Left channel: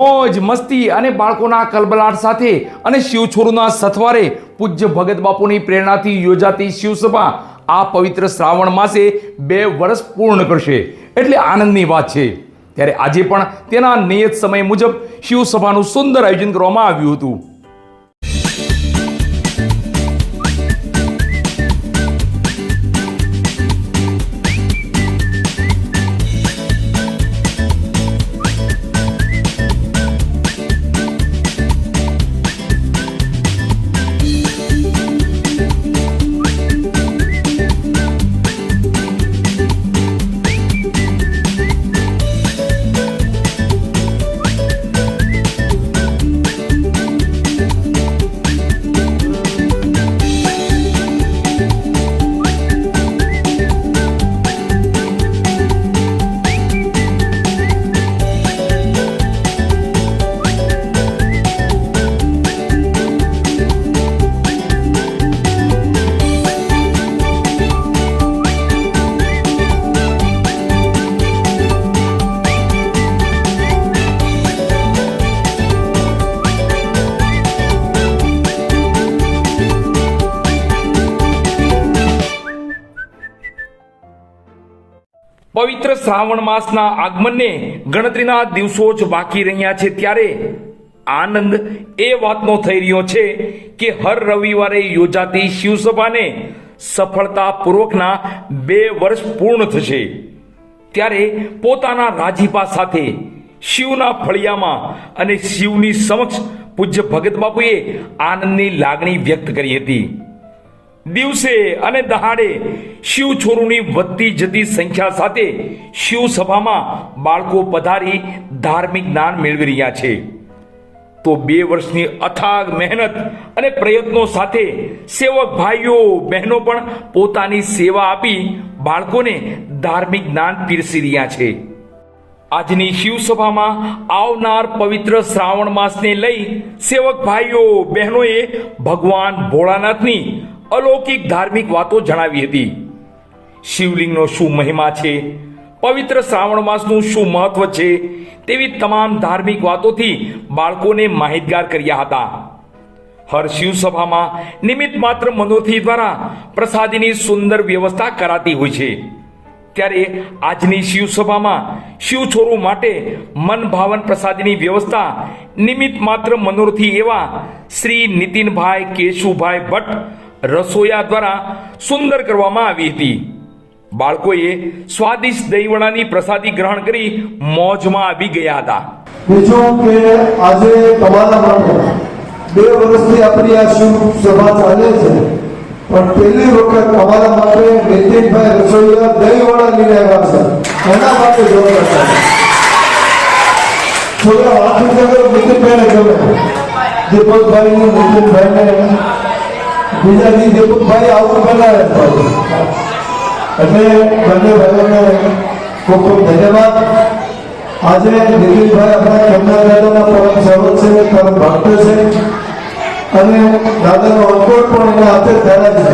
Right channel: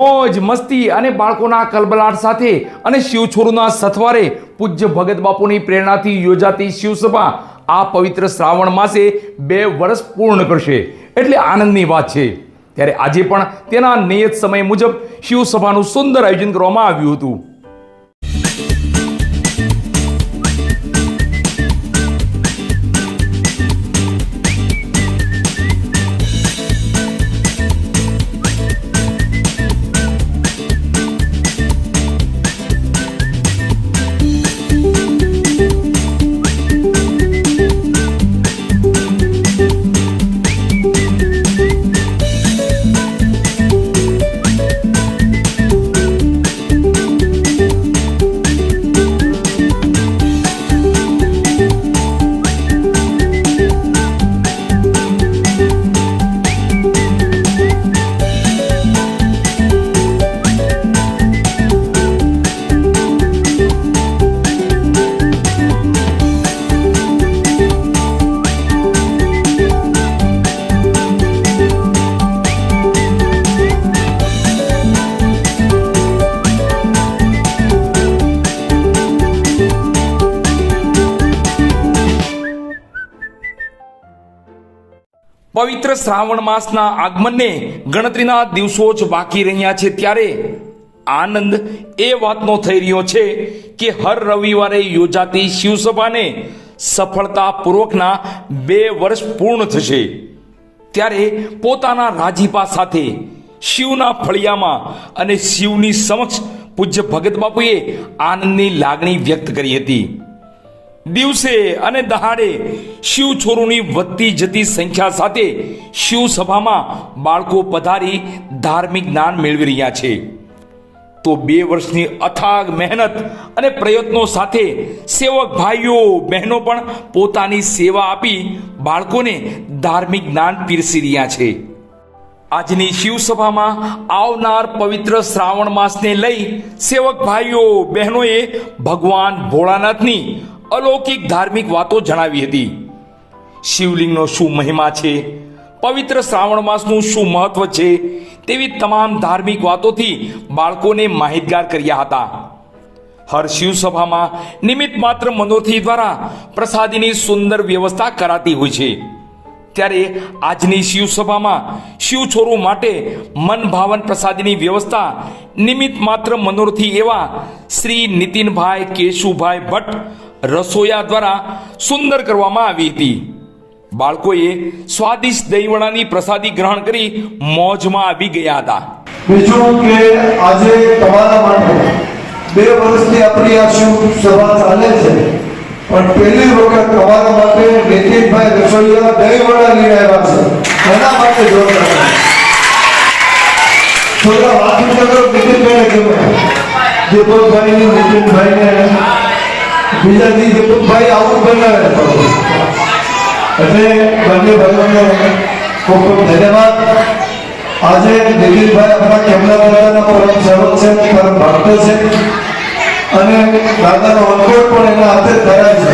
મોજ મસ્તી અને બાળકોના કલબલાટ સાથે અને શિવછોરુના સથવારે પૂજ્ય ભગત બાપુની પ્રેરણાથી યોજાતી શિવસભા આ પવિત્ર શ્રાવણ માસે 2 વર્ષ પૂર્ણ કરશે એટલે આનંદની વાત છે। ત્યારે આજે પણ તેના નિયત સમય મુજબ શિવસભાનું સુંદર આયોજન કરવામાં આવ્યું હતું। પવિત્ર શ્રાવણ માસના આગમનને ગણતરીના દિવસો જ બાકી રહ્યા છે ત્યારે આનંદ એ વાતનો થઈ રહ્યો છે કે હર રવિવારે યોજાતી શિવસભાને સફળતાપૂર્વકના 2 વર્ષ પૂર્ણ થશે। ત્યારે પોતાના રાજીપા સાથે શિવના ફળિયામાં અને શિવની સમક્ષ પૂજ્ય ભગત બાપુએ આનંદની લાગણી વ્યક્ત કરી હતી। દિવસે અને દહાડે શિવછોરુની વધતી જતી સંખ્યા સાથે શિવસભામાં બાળકો પધારી ધાર્મિક જ્ઞાન મેળવી રહ્યા છે। તો 2 વર્ષની અથાગ મહેનત અને પ્રયત્નો સાથે સેવક ભાઈઓ બહેનો પણ પોતાની સેવા આપી બાળકોને ધાર્મિક જ્ઞાન પીરસી રહ્યા છે। આજની શિવસભામાં આવનાર પવિત્ર શ્રાવણ માસને લઈ સેવક ભાઈઓ બહેનોએ ભગવાન ભોળાનાથની અલૌકિક ધાર્મિક વાતો જણાવી હતી। શિવલિંગનો શું મહિમા છે, પવિત્ર શ્રાવણ માસનું શું મહત્વ છે તેવી તમામ ધાર્મિક વાતોથી બાળકોને માહિતગાર કર્યા હતા। હર શિવસભામાં નિમિત્ત માત્ર મનોરથી દ્વારા પ્રસાદીની સુંદર વ્યવસ્થા કરાતી હોય છે। ત્યારે આજની શિવસભામાં શિવછોરુ માટે મન ભાવન પ્રસાદીની વ્યવસ્થા નિમિત્ત માત્ર મનોરથી એવા શ્રી નીતિનભાઈ કેશુભાઈ ભટ્ટ રસોયા દ્વારા સુંદર કરવામાં આવી હતી। બાળકોએ સ્વાદિષ્ટ દહીંવડાની પ્રસાદી ગ્રહણ કરી મોજમાં આવી ગયા હતા। બીજું કે આજે તમારા માટે 2 વર્ષથી આપણી આ સભા ચાલે છે, પણ પહેલી વખત તમારા માટે નીતિનભાઈ રસોઈયા દહીંવડા લઈને આવ્યા છે, એના માટે જોરદાર થોડા વાત કરો। નીતિનભાઈને ગમે દીપકભાઈ નીતિનભાઈને બીજા દીપકભાઈ આવું બનાવે એટલે બંને ભાઈઓને ખૂબ ખૂબ ધન્યવાદ। આજે દિલીપભાઈ આપણા કેમેરામેનના પરમ સેવક છે, પરમ ભક્ત છે અને દાદાનો અંકોટ પણ એના હાથે થયા છે।